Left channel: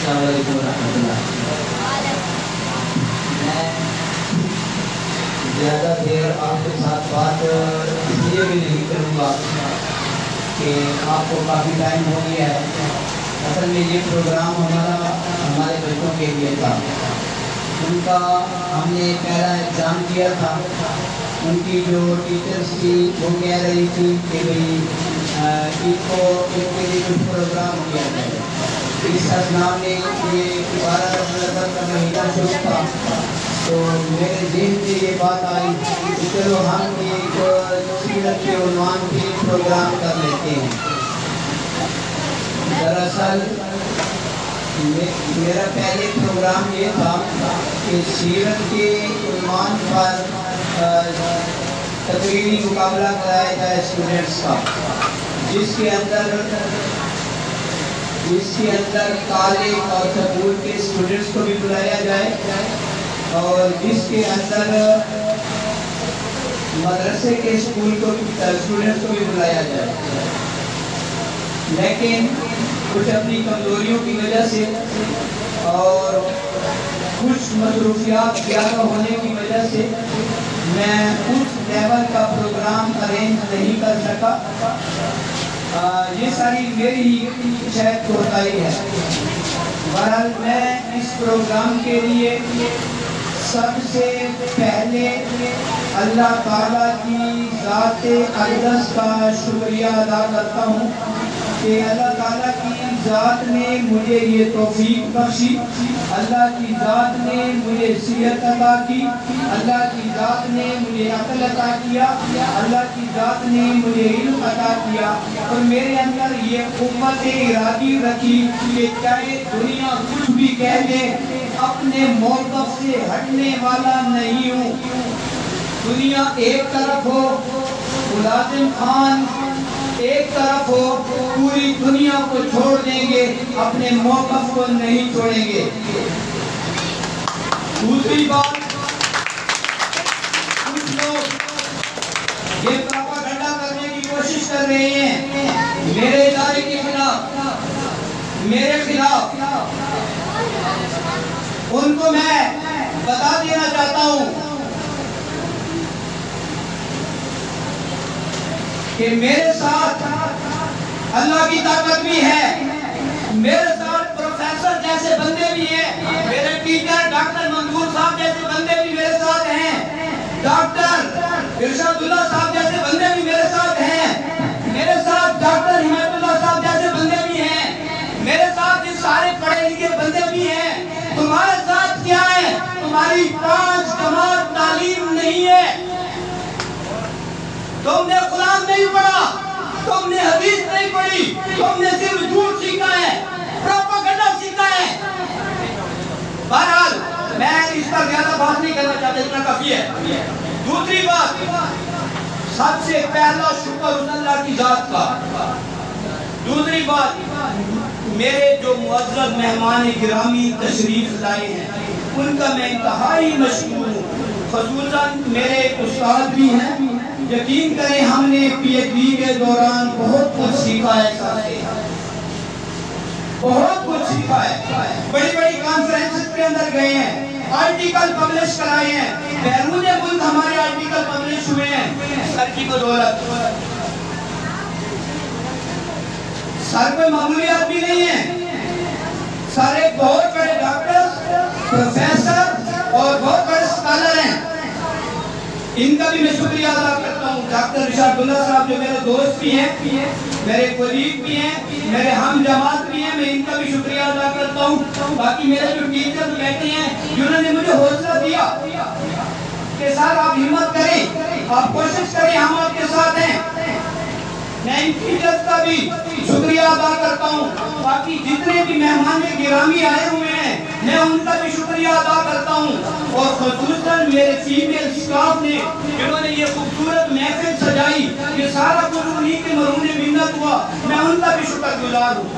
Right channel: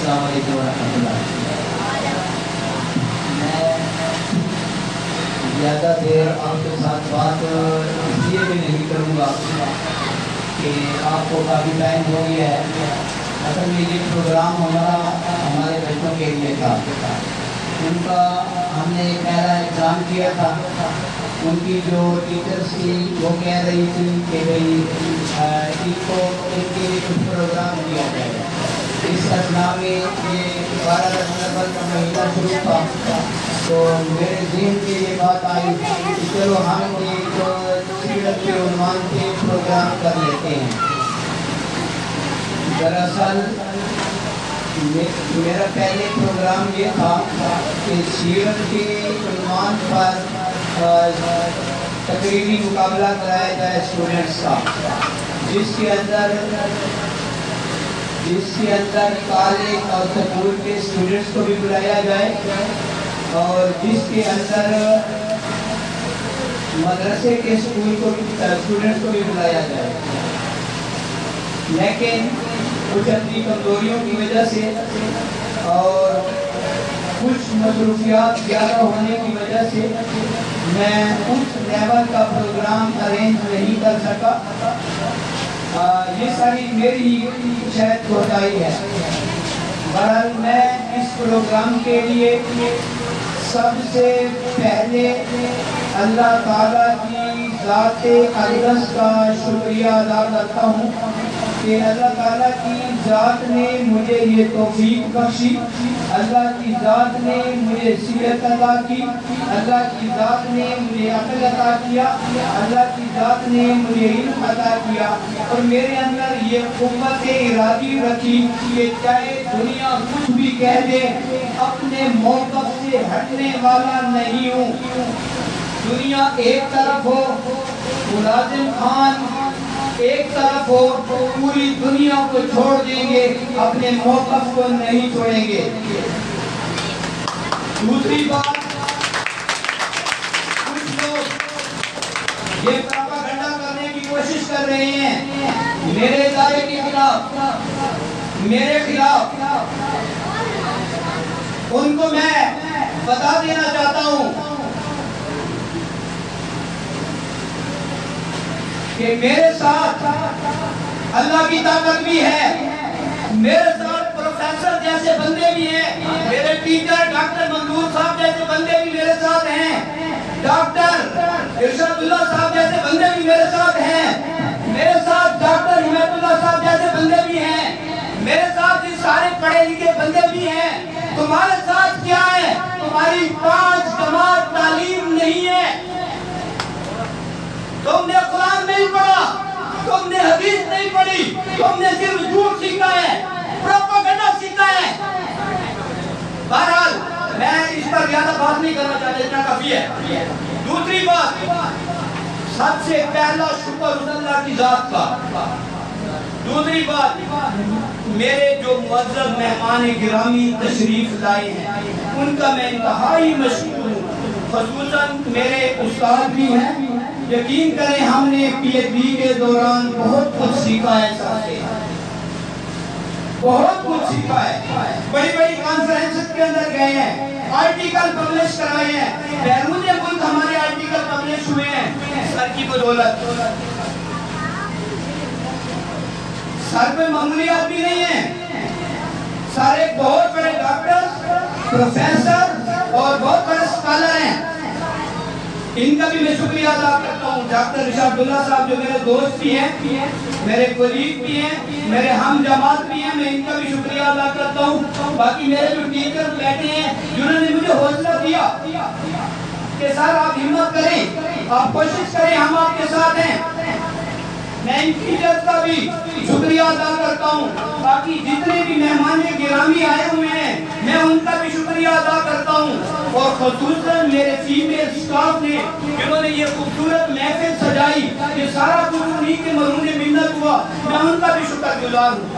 السلام علیکم ورحمۃ اللہ۔ میں زیادہ دیر آپ کے ساتھ بات اس لیے بھی نہیں کروں گا کہ آپ کو کافی ٹائم ہو گیا ہے۔ اصل میں یہ پروگرام ہمارے بچوں کے لیے تھا۔ ان کا ہم نے پہلا ایگزام کیا تھا۔ ان کی جو ٹیچرس تھی وہ کہہ رہی تھی کہ بھئی ان کے لیے کچھ پروگرام کیا جائے۔ اس اثناء میں یہ 12 نومبر کا مہینہ شروع تھا تو میرے ذہن میں یہ بات آئی کہ چلو ہم ایک سیرت کے عنوان پہ پروگرام کر لیتے ہیں۔ دراصل میرا پہلے پروگرام یہ تھا کہ سیرت کے عنوان پر تقریری مقابلہ کرایا جائے اسٹوڈنٹس کا، جس کے اندر کالج اور سکول کے اسٹوڈنٹس کو بھی بلایا جائے اور جس کے اندر مدرسے کے اسٹوڈنٹس کو بھی بلایا جائے۔ لیکن کچھ اپنی کمزوریوں کی وجہ سے اور کچھ مصروفیات زیادہ ہونے کی وجہ سے میں اس لیول کا پروگرام ارینج نہیں کر سکا۔ یہ ساری میری شاید کوتاہی ہے۔ بہرحال میں اس پروگرام کے لیے سب سے پہلے اللہ تعالیٰ کی ذات اقدس کا شکریہ ادا کرتا ہوں کہ اللہ تعالیٰ کی ذات نے مجھے یہ توفیق بخشی، اللہ کی ذات نے مجھے صحت عطا کی، اللہ کی ذات نے مجھے عقل عطا کیا، اللہ کی ذات نے مجھے علم عطا کیا اور میرے اندر یہ قوت ارادی رکھی کہ چاہے دنیا کچھ بھی کہہ دے اپنے موقف سے ہٹنے والا نہیں ہوں۔ دنیا ایک طرف ہو، ملازم خان ایک طرف ہو، پوری دنیا کو چھوڑ دیں گے، اپنے موقف کو نہیں چھوڑیں گے۔ دوسری بات، کچھ لوگ یہ پروپیگنڈا کرنے کی کوشش کر رہے ہیں میرے ادارے کے خلاف، میرے خلاف۔ ان کو میں بتا دینا چاہتا ہوں کہ میرے ساتھ اللہ کی طاقت بھی ہے، میرے ساتھ پروفیسر جیسے بندے بھی ہیں، میرے ٹیچر ڈاکٹر منظور صاحب جیسے بندے بھی میرے ساتھ ہیں، ڈاکٹر ارشاد اللہ صاحب جیسے بندے بھی میرے ساتھ ہیں، میرے ساتھ ڈاکٹر حمایت اللہ صاحب جیسے بندے بھی ہیں، میرے ساتھ یہ سارے پڑھے لکھے بندے بھی ہیں۔ تمہارے ساتھ کیا ہے؟ تمہاری 5 جماعت تعلیم نہیں ہے، تم نے قرآن نہیں پڑھا، تم نے حدیث نہیں پڑھی، تم نے صرف جھوٹ سیکھا ہے، پروپیگنڈا سیکھا ہے۔ بہرحال میں اس پر زیادہ بات نہیں کرنا چاہتا، اتنا کافی ہے۔ دوسری بات، سب سے پہلا شکر اللہ کی ذات کا۔ دوسری بات، میرے جو معزز مہمان گرامی تشریف لائے ہیں ان کا میں انتہائی مشکور ہوں، خصوصاً میرے استاد بھی ہیں۔ یقین کریں ہم نے پی ایچ ڈی کے دوران بہت کچھ سیکھا ہے سر سے، بہت کچھ سیکھا ہے۔ بڑی بڑی کانفرنس کے اندر گئے ہیں، آرٹیکل پبلش کرائے ہیں، بیرون ملک ہمارے آرٹیکل پبلش ہوئے ہیں سر کی بدولت۔ سر پہ معمولیات بھی نہیں ہیں، سر ایک بہت بڑے ڈاکٹر، پروفیسر اور بہت بڑے اسکالر ہیں۔ ان کا بھی میں شکریہ ادا کرتا ہوں۔ ڈاکٹر ارشاد اللہ صاحب جو میرے دوست بھی ہیں، میرے کولیگ بھی ہیں، میرے ہم جماعت بھی ہیں، میں ان کا بھی شکریہ ادا کرتا ہوں۔ باقی میرے جو ٹیچر بیٹھے ہیں جنہوں نے مجھے حوصلہ دیا کہ سر آپ ہمت کریں، آپ کوشش کریں، ہم آپ کے ساتھ ہیں، میں ان ٹیچر کا بھی شکریہ ادا کرتا ہوں۔ باقی جتنے بھی مہمان گرامی آئے ہوئے ہیں میں ان کا بھی شکریہ ادا کرتا ہوں، اور خصوصاً میرے فیمیل سٹاف نے جنہوں نے یہ خوبصورت محفل سجائی، یہ سارا کچھ انہیں کے مرہون منت ہوا، میں ان کا بھی شکر گزار ہوں۔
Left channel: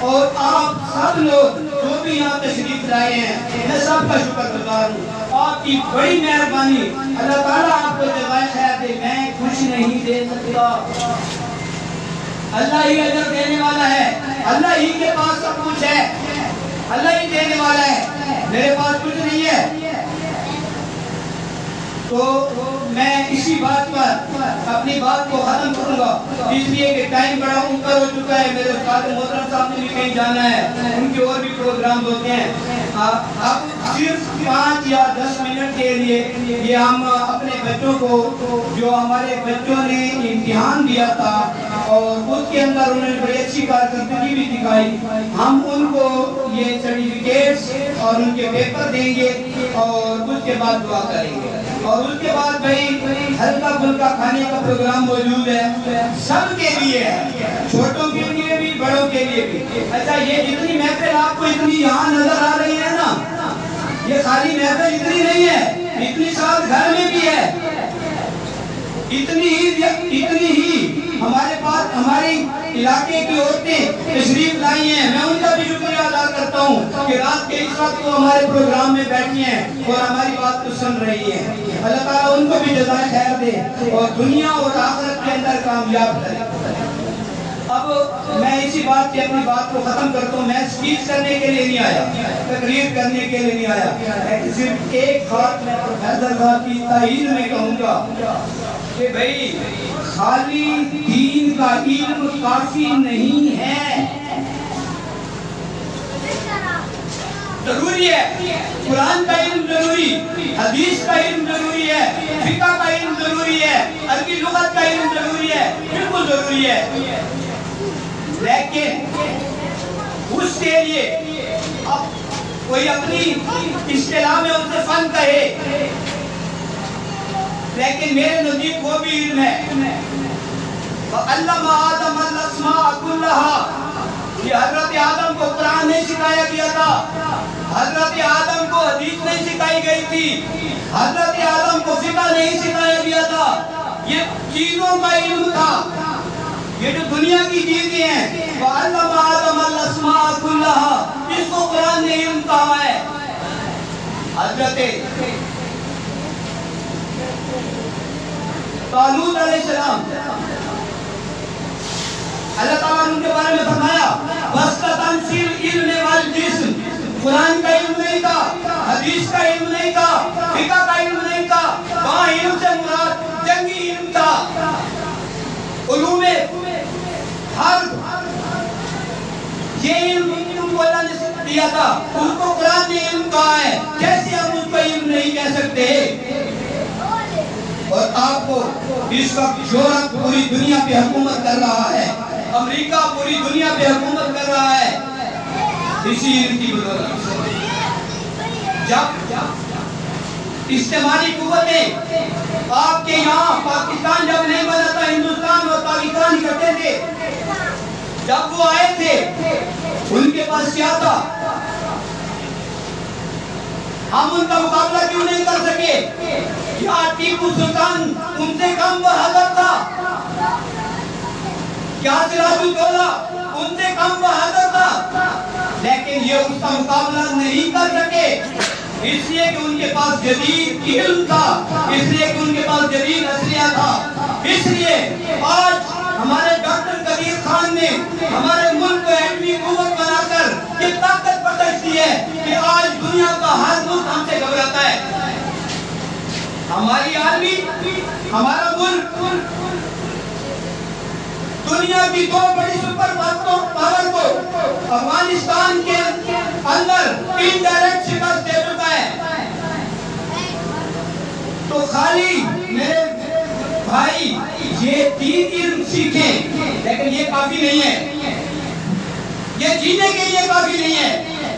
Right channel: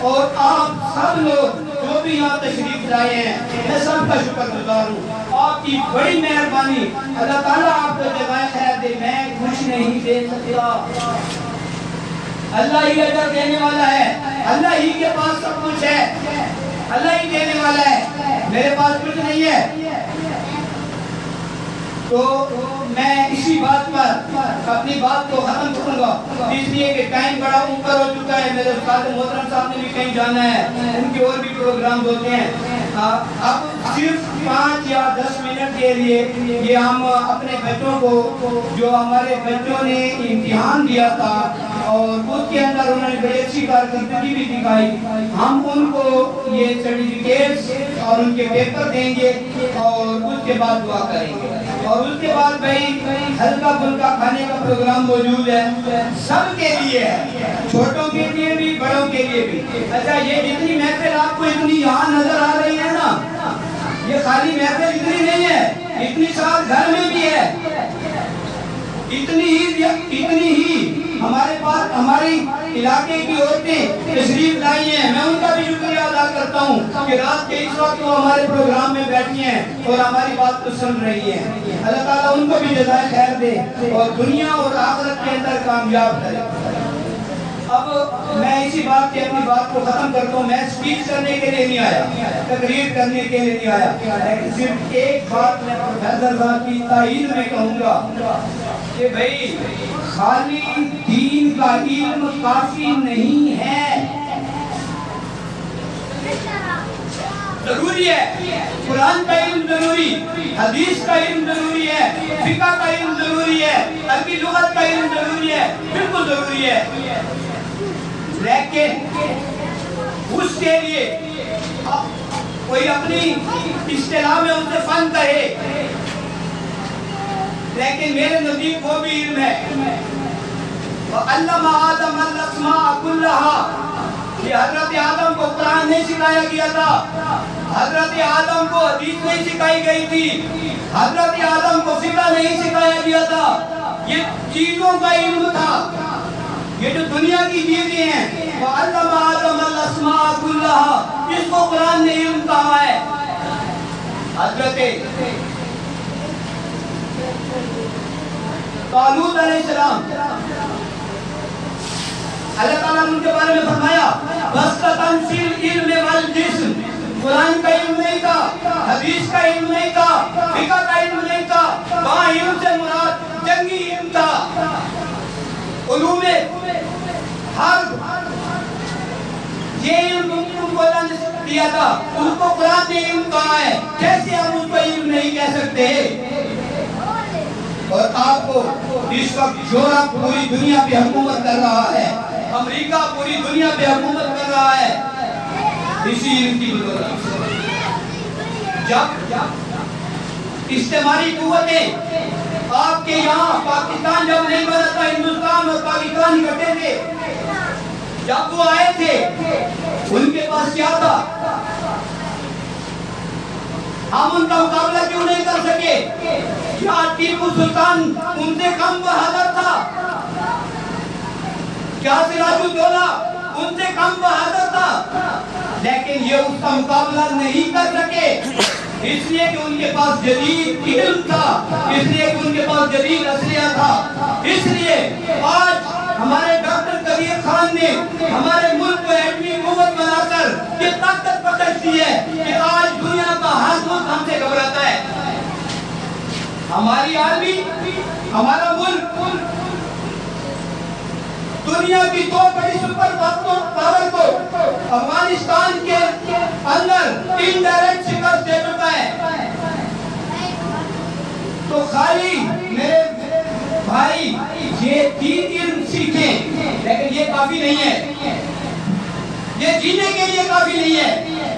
اور آپ سب لوگ جو بھی یہاں تشریف لائے ہیں میں سب کا شکر گزار ہوں۔ آپ کی بڑی مہربانی، اللہ تعالیٰ آپ کو جزائے خیر دے، میں کچھ نہیں دے سکتا، اللہ ہی اجر دینے والا ہے، اللہ ہی کے پاس سب کچھ ہے، اللہ ہی دینے والا ہے، میرے پاس کچھ نہیں ہے۔ تو میں اسی بات پر اپنی بات کو ختم کروں گا، اس لیے کہ ٹائم بڑا اوپر ہو چکا ہے، میرے استاد محترم صاحب نے بھی کہیں جانا ہے، ان کے اور بھی پروگرام ہوتے ہیں۔ اب صرف 5 یا 10 منٹ کے لیے یہ ہم اپنے بچوں کو، جو ہمارے بچوں نے امتحان دیا تھا اور اس کے اندر انہوں نے بڑی اچھی کارکردگی بھی دکھائی، ہم ان کو یہ سرٹیفکیٹس اور ان کے پیپر دیں گے اور اس کے بعد دعا کریں گے، اور اس کے بعد بھائی ہلکا پھلکا کھانے کا پروگرام موجود ہے، سب کے لیے ہے، چھوٹوں کے لیے بھی بڑوں کے لیے بھی۔ اچھا، یہ جتنی محفل آپ کو اتنی یہاں نظر آ رہی ہے نا، یہ خالی محفل اتنی نہیں ہے، اتنی ساتھ گھر میں بھی ہے، اتنی ہی ہمارے پاس ہماری علاقے کی عورتیں تشریف لائی ہیں، میں ان کا بھی شکریہ ادا کرتا ہوں کہ رات کے اس وقت وہ ہمارے پروگرام میں بیٹھی ہیں اور ہماری بات کو سن رہی ہیں۔ اللہ تعالیٰ ان کو بھی جزائے خیر دے اور دنیا اور آخرت کے اندر کامیاب کرے۔ اب میں اسی بات سے اپنی بات کو ختم کرتا ہوں، میں اسپیچ کرنے کے لیے نہیں آیا، تقریر کرنے کے لیے نہیں آیا، لیکن صرف ایک بات میں پروفیسر صاحب کی تائید میں کہوں گا کہ بھائی خالی دین کا علم کافی نہیں ہے، ضروری ہے، قرآن کا علم ضروری، حدیث کا علم ضروری ہے، فقہ کا علم ضروری ہے، عربی لغت کا علم ضروری ہے، بالکل ضروری ہے، لیکن اس کے لیے کوئی اپنی اصطلاح میں اسے فن کہے، لیکن میرے نزدیک وہ بھی علم ہے۔ وَعَلَّمَ آدَمَ الْأَسْمَاءَ كُلَّهَا، یہ حضرت آدم کو قرآن نہیں سکھایا گیا تھا، حضرت آدم کو حدیث نہیں سکھائی گئی تھی، حضرت آدم کو فقہ نہیں سکھایا گیا تھا، یہ چیزوں کا علم تھا، یہ جو دنیا کی چیزیں ہیں۔ وَعَلَّمَ آدَمَ الْأَسْمَاءَ كُلَّهَا، اس کو قرآن نے علم کہا ہے۔ حضرت طالوت علیہ السلام، اللہ تعالیٰ نے ان کے بارے میں فرمایا وَاسْتَطَنْ فِي الْعِلْمِ وَالْجِسْمِ، قرآن کا علم نہیں تھا، حدیث کا علم نہیں تھا، فقہ کا علم نہیں تھا، وہاں علم سے مراد جنگی علم تھا، علوم حرب، یہ علم ان کو اللہ نے دیا تھا، اس کو قرآن نے علم کہا ہے، کیسے ہم اس کو علم نہیں کہہ سکتے؟ اور آپ کو اس وقت یورپ پوری دنیا پہ حکومت کر رہا ہے، امریکہ پوری دنیا پہ حکومت کر رہا ہے اسی علم کی بدولت سے۔ جب استعماری قوتیں آپ کے یہاں، پاکستان جب نہیں بنا تھا، ہندوستان اور پاکستان اکٹھے تھے، جب وہ آئے تھے ان کے پاس کیا تھا؟ ہم ان کا مقابلہ کیوں نہیں کر سکے؟ یا ٹیپو سلطان ان سے کم بہادر تھا؟ کیا سراج الدولہ ان سے کم بہادر تھا؟ لیکن یہ اس کا مقابلہ نہیں کر سکے، اس لیے کہ ان کے پاس جدید علم تھا، اس لیے کہ ان کے پاس جدید اسلحہ تھا۔ اس لیے آج ہمارے ڈاکٹر کبیر خان نے ہمارے ملک کو ایٹمی قوت بنا کر یہ طاقت بخش دی ہے کہ آج دنیا کا ہر ملک ہم سے گھبراتا ہے۔ ہماری آرمی، ہمارا ملک دنیا کی 2 بڑی سپر پاور کو افغانستان کے اندر انڈائریکٹ شکست دے چکا ہے۔ تو خالی میرے بھائی یہ دین علم سیکھیں، لیکن یہ کافی نہیں ہے، یہ جینے کے لیے کافی نہیں ہے۔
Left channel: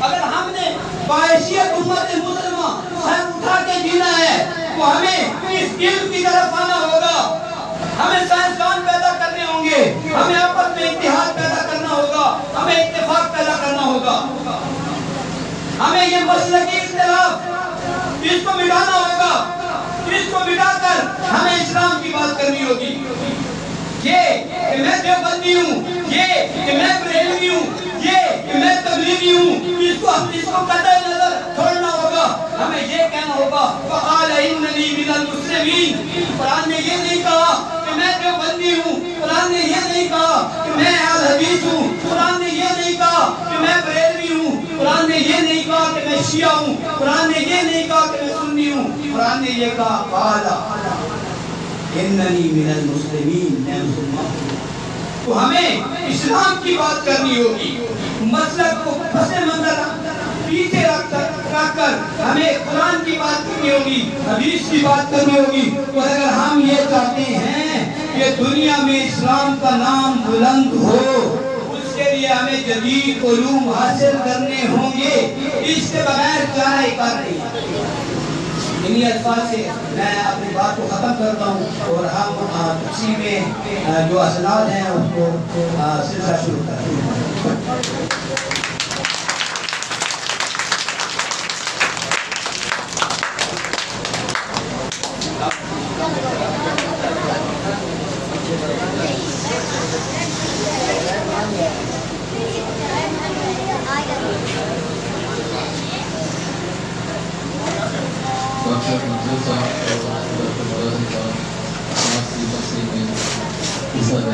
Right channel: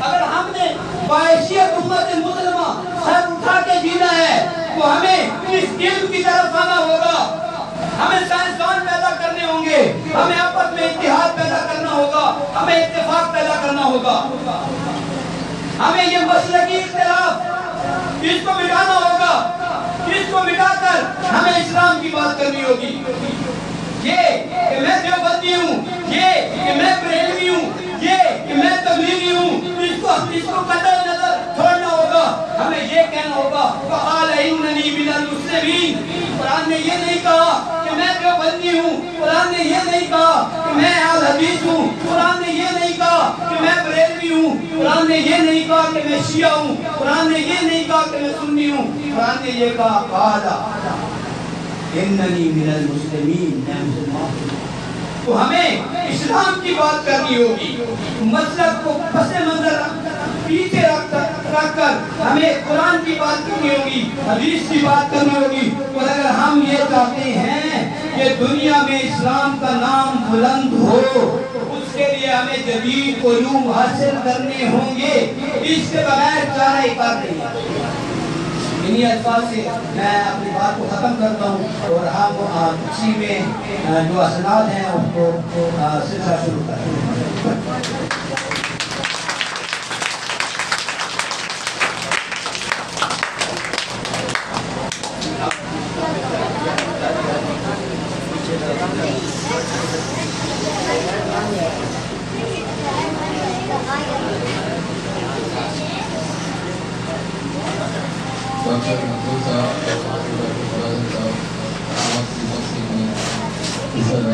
اگر ہم نے باحیثیت امت مسلمہ سر اٹھا کے جینا ہے تو ہمیں اس علم کی طرف آنا ہوگا، ہمیں سائنسدان پیدا کرنے ہوں گے، ہمیں آپس میں اتحاد پیدا کرنا ہوگا، ہمیں اتفاق پیدا کرنا ہوگا، ہمیں یہ مسلکی اختلاف اس کو مٹانا ہوگا، اس کو مٹا کر ہمیں اسلام کی بات کرنی ہوگی۔ یہ کہ میں دیوبندی ہوں، یہ کہ میں بریلوی ہوں، یہ کہ میں تبلیغی ہوں، اس کو قطع نظر چھوڑنا ہوگا، ہمیں یہ کہنا ہوگا وَقَالَ إِنَّنِي مِنَ الْمُسْلِمِينَ۔ قرآن نے یہ نہیں کہا کہ میں دیوبندی ہوں، قرآن نے یہ نہیں کہا کہ میں حدیث ہوں. قرآن نے یہ نہیں کہا کہ میں بریلوی ہوں. قرآن نے یہ نہیں کہا کہ میں شیعہ ہوں. قرآن نے یہ نہیں کہا کہ میں سنی ہوں. قرآن نے یہ کہا قال اننی من المسلمین، میں مسلمان ہوں. تو ہمیں اسلام کی بات کرنی ہوگی. مسلک کو پس منظر پیچھے رکھ کر ہمیں قرآن کی بات کرنی ہوگی، حدیث کی بات کرنی ہوگی. اور اگر ہم یہ چاہتے ہیں کہ دنیا میں اسلام کا نام بلند ہو، اس کے لیے ہمیں جدید علوم حاصل کرنے ہوں گے. اس کے بغیر چارہ کار نہیں. انہی الفاظ سے میں اپنی بات کو ختم کرتا ہوں اور ہم اسی میں جو اسناد ہیں اس کو سلسلہ شروع کرتے ہیں. Bisa